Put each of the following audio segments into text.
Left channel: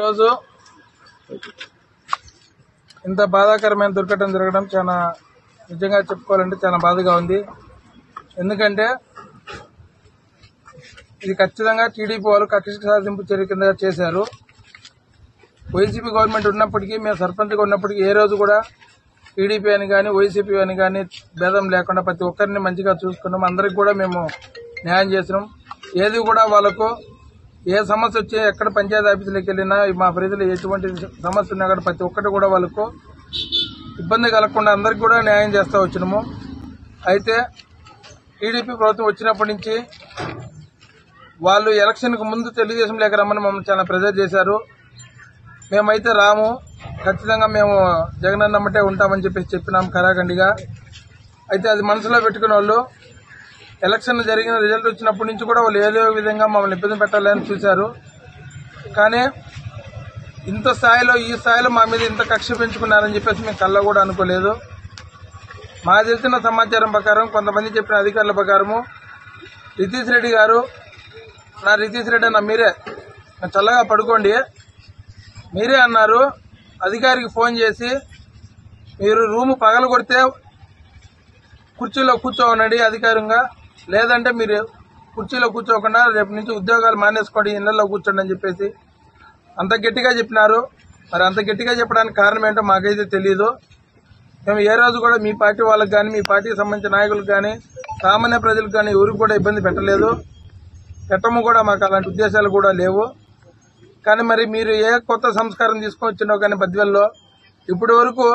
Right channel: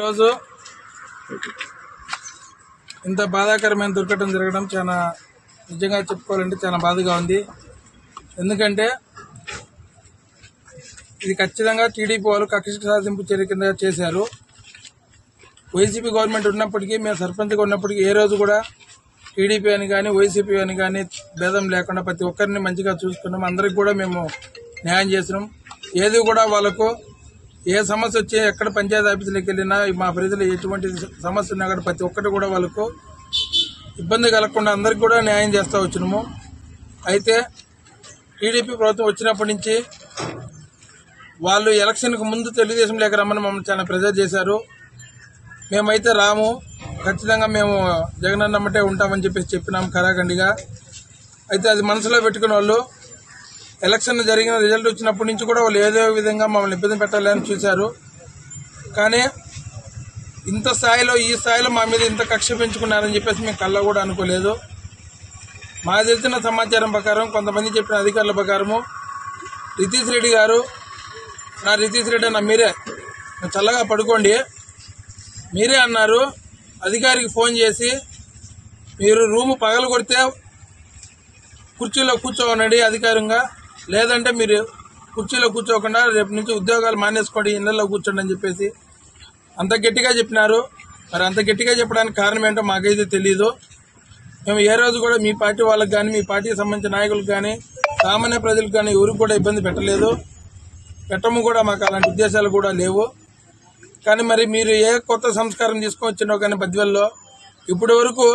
రోజు ఇంత బాధాకరమైన దుర్ఘటన జరగడం చాలా నిజంగా చెప్పుకోవాలంటే చాలా బాధగా ఉంది. ఎందుకంటే ఇది ఖచ్చితంగా టీడీపీ వాళ్ళు కక్ష సాధింపు చర్య కింద చేశారు. వైసీపీ గవర్నమెంట్ ఉన్నప్పటికీ, మేము సర్పంచ్గా ఉన్నప్పటికీ ఏ రోజు కూడా టీడీపీ అని కానీ వైసీపీ అని కానీ భేదం లేకుండా ప్రతి ఒక్కరిని మంచిగా చూసుకున్నాం. అందరికి కూడా మేము న్యాయం చేసినాం. ఏది కూడా వాళ్ళకు ఏ సమస్య వచ్చి ఎక్కడ పంచాయతీ ఆఫీసులకు వెళ్ళినా మా ప్రజలు ఎటువంటి సమస్య ఉన్నా కూడా ప్రతి ఒక్కటి కూడా వాళ్ళకు ఇబ్బంది కలగకుండా అందరికి కూడా న్యాయం చేస్తూ వచ్చినాము. అయితే టీడీపీ ప్రభుత్వం వచ్చినప్పటి నుంచి వాళ్ళు ఎలక్షన్కు ముందు తెలుగుదేశం లేక రమ్మని మమ్మల్ని చాలా ప్రెజర్ చేశారు. మేమైతే రాము, ఖచ్చితంగా మేము జగనన్న నమ్మటే ఉంటామని చెప్పినాం ఖరాఖండిగా. అయితే అది మనసులో పెట్టుకున్న వాళ్ళు ఎలక్షన్ జరిగిన రిజల్ట్ వచ్చినప్పటి నుంచి కూడా వాళ్ళు ఏదో విధంగా మమ్మల్ని ఇబ్బంది పెట్టాలని చూశారు. కానీ ఇంత స్థాయిలో, ఈ స్థాయిలో మా మీద ఇంత కక్ష పెంచుకున్నారని చెప్పేసి మేము కళ్ళ కూడా అనుకోలేదు. మాకు తెలిసిన సమాచారం ప్రకారం కొంతమంది చెప్పిన అధికారుల ప్రకారము రితీష్ రెడ్డి గారు, రితీష్ రెడ్డి అన్న మీరే చల్లగా పడుకోండి, మీరే అన్నారు. అధికారికి ఫోన్ చేసి మీరు రూము పగలు కొడితే కుర్చీలో కూర్చోవనండి అధికారంగా, లేదంటే మీరు కుర్చీలో కూర్చోకుండా రేపు నుంచి ఉద్యోగాలు మానేసుకోండి, ఇళ్లలో కూర్చోండి అని చెప్పేసి అంత గట్టిగా చెప్పినారు. మరి అంత గట్టిగా చెప్పడానికి కారణం ఏంటో మాకైతే తెలియదు. మేము ఏ రోజు కూడా మీ పార్టీ వాళ్ళకి కానీ, మీ పార్టీకి సంబంధించిన నాయకులకు కానీ, సామాన్య ప్రజలకు కానీ ఎవరికి కూడా ఇబ్బంది పెట్టలేదు, పెట్టము కూడా. మాకు అలాంటి ఉద్దేశాలు కూడా లేవు. కానీ మరి మీరు ఏ కొత్త సంస్కారం తీసుకొచ్చినో కానీ బద్వేల్లో ఇప్పటి వరకు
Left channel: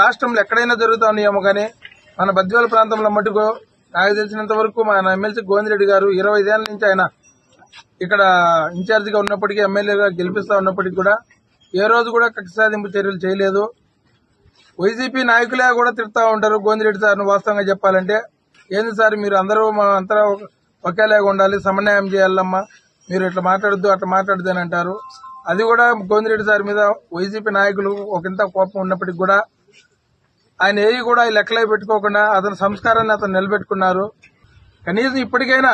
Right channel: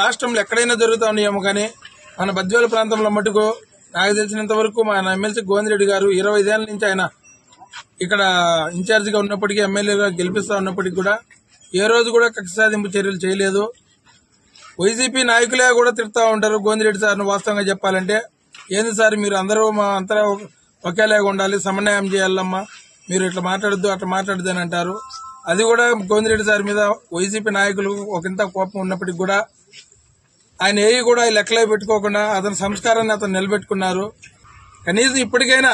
రాష్ట్రంలో ఎక్కడైనా జరుగుతూ ఉన్నాయేమో కానీ మన బద్వేలు ప్రాంతంలో మటుకు నాకు తెలిసినంత వరకు మన ఎమ్మెల్సీ గోవిందరెడ్డి గారు 25 ఏళ్ల నుంచి ఆయన ఇక్కడ ఇన్ఛార్జిగా ఉన్నప్పటికీ, ఎమ్మెల్యేగా గెలిపిస్తా ఉన్నప్పటికీ కూడా ఏ రోజు కూడా కక్ష సాధింపు చర్యలు చేయలేదు. వైసీపీ నాయకులే కూడా తిడతా ఉంటారు గోవిందరెడ్డి సార్ను. వాస్తవంగా చెప్పాలంటే ఏంది సార్ మీరు అందరూ మా అంతా ఒకేలాగా ఉండాలి, సమన్వయం చేయాలమ్మా, మీరు ఇట్లా మాట్లాడద్దు అట్లా మాట్లాడద్దు అని అంటారు. అది కూడా గోవిందరెడ్డి సార్ మీద వైసీపీ నాయకులు ఒకంత కోపం ఉన్నప్పటికీ కూడా ఆయన ఏవి కూడా లెక్కలే పెట్టుకోకుండా అతని సంస్కారాన్ని అతను నిలబెట్టుకున్నారు. కనీసం ఇప్పటికైనా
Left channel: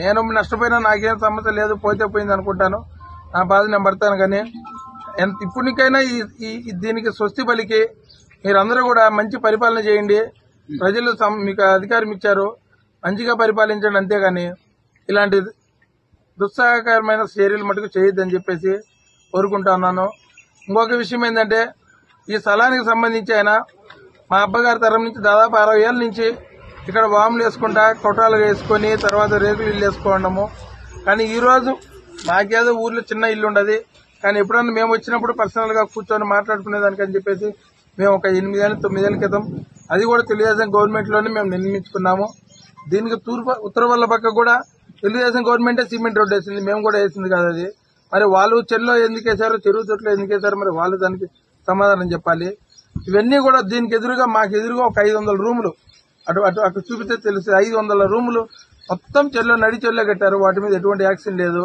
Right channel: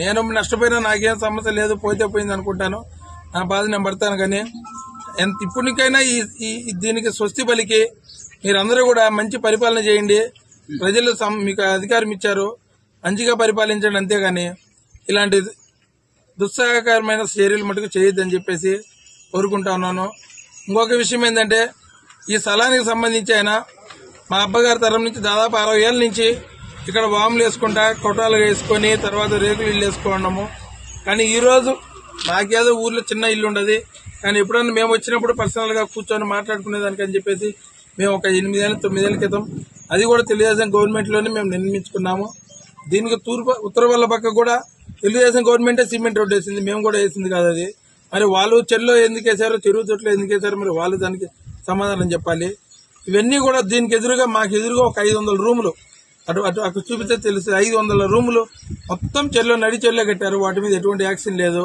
నేను నష్టపోయినా నాకేం సమస్య లేదు, పోతే పోయింది అనుకుంటాను, నా బాధ నేను పడతాను. కానీ ఇప్పటికైనా దీనికి స్వస్తి పలికి మీరందరూ కూడా మంచి పరిపాలన చేయండి. ప్రజలు మీకు అధికారం ఇచ్చారు, మంచిగా పరిపాలించండి. అంతేగాని ఇలాంటి దుస్సాహకరమైన చర్యలు మటుకు చేయొద్దని చెప్పేసి కోరుకుంటా ఉన్నాను. ఇంకొక విషయం ఏంటంటే ఈ స్థలానికి సంబంధించి ఆయన మా అబ్బగారి తరం నుంచి దాదాపు 60 ఏళ్ళ నుంచి ఇక్కడ వాములు వేసుకుంటా, కొట్టాలు వేసుకొని తర్వాత రేకులు ఇల్లు వేసుకోవడము. కానీ ఈరోజు నాకేదో ఊర్లో చిన్న ఇల్లు ఉండదు, కానీ ఎప్పుడన్నా మేము వచ్చినప్పుడు పర్సనల్గా కూర్చొని మాట్లాడుకునేదానికి అని చెప్పేసి మేము ఒక 8 ఏళ్ళ 9 ఏళ్ల క్రితం అది కూడా తెలుగుదేశం గవర్నమెంట్లోనే మేము నిర్మించుకున్నాము. దీనికి ఉత్తర వల్ల పక్క కూడా తెలుగుదేశం గవర్నమెంటే సిమెంట్ రోడ్డు వేసింది, మేము కూడా వేసింది కాదు అది. మరి వాళ్ళు చెల్లో ఎందుకు వేశారో, చెరువు తొట్లో ఎందుకు వేశారో మరి వాళ్ళు దానికి సమాధానం చెప్పాలి. ఇవన్నీ కూడా దీనికి ఎదురుగా మాకు ఎదురుగా ఒక 500 రూములు అటు చూపిస్తే తెలుసు. 500 రూములు మొత్తం చెల్లో నడి చెల్లో కట్టారు, వాటి మీద ఎటువంటి యాక్షన్ లేదు.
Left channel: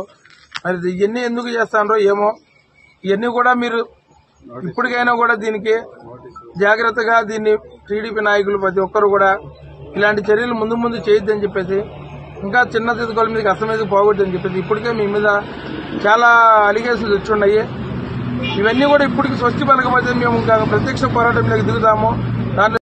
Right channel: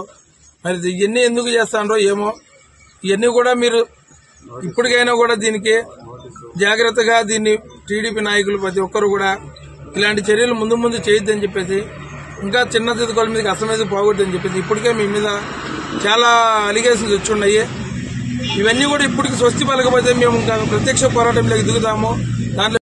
మరి ఇవన్నీ ఎందుకు చేస్తారో ఏమో. ఇవన్నీ కూడా మీరు ఇప్పటికైనా కూడా దీనికి జాగ్రత్తగా దీన్ని టీడీపీ నాయకులు ప్రతి ఒక్కరు కూడా ఇలాంటి చర్యలు ముందు ముందు చేయొద్దని చెప్పేసి, ఇంకా చిన్న తిరుగుల మీదకి అసలు మీద పోగొద్దని చెప్పేసి ఇప్పటికే మీ మీద చాలా అలిగేషన్స్ వచ్చి ఉన్నాయి. ఇవన్నీ కూడా ఇప్పటికి స్వస్తి పలకపోతే మేము ఇంకా ప్రత్యక్ష పోరాటంలోకి దిగుతాము. దాంట్లో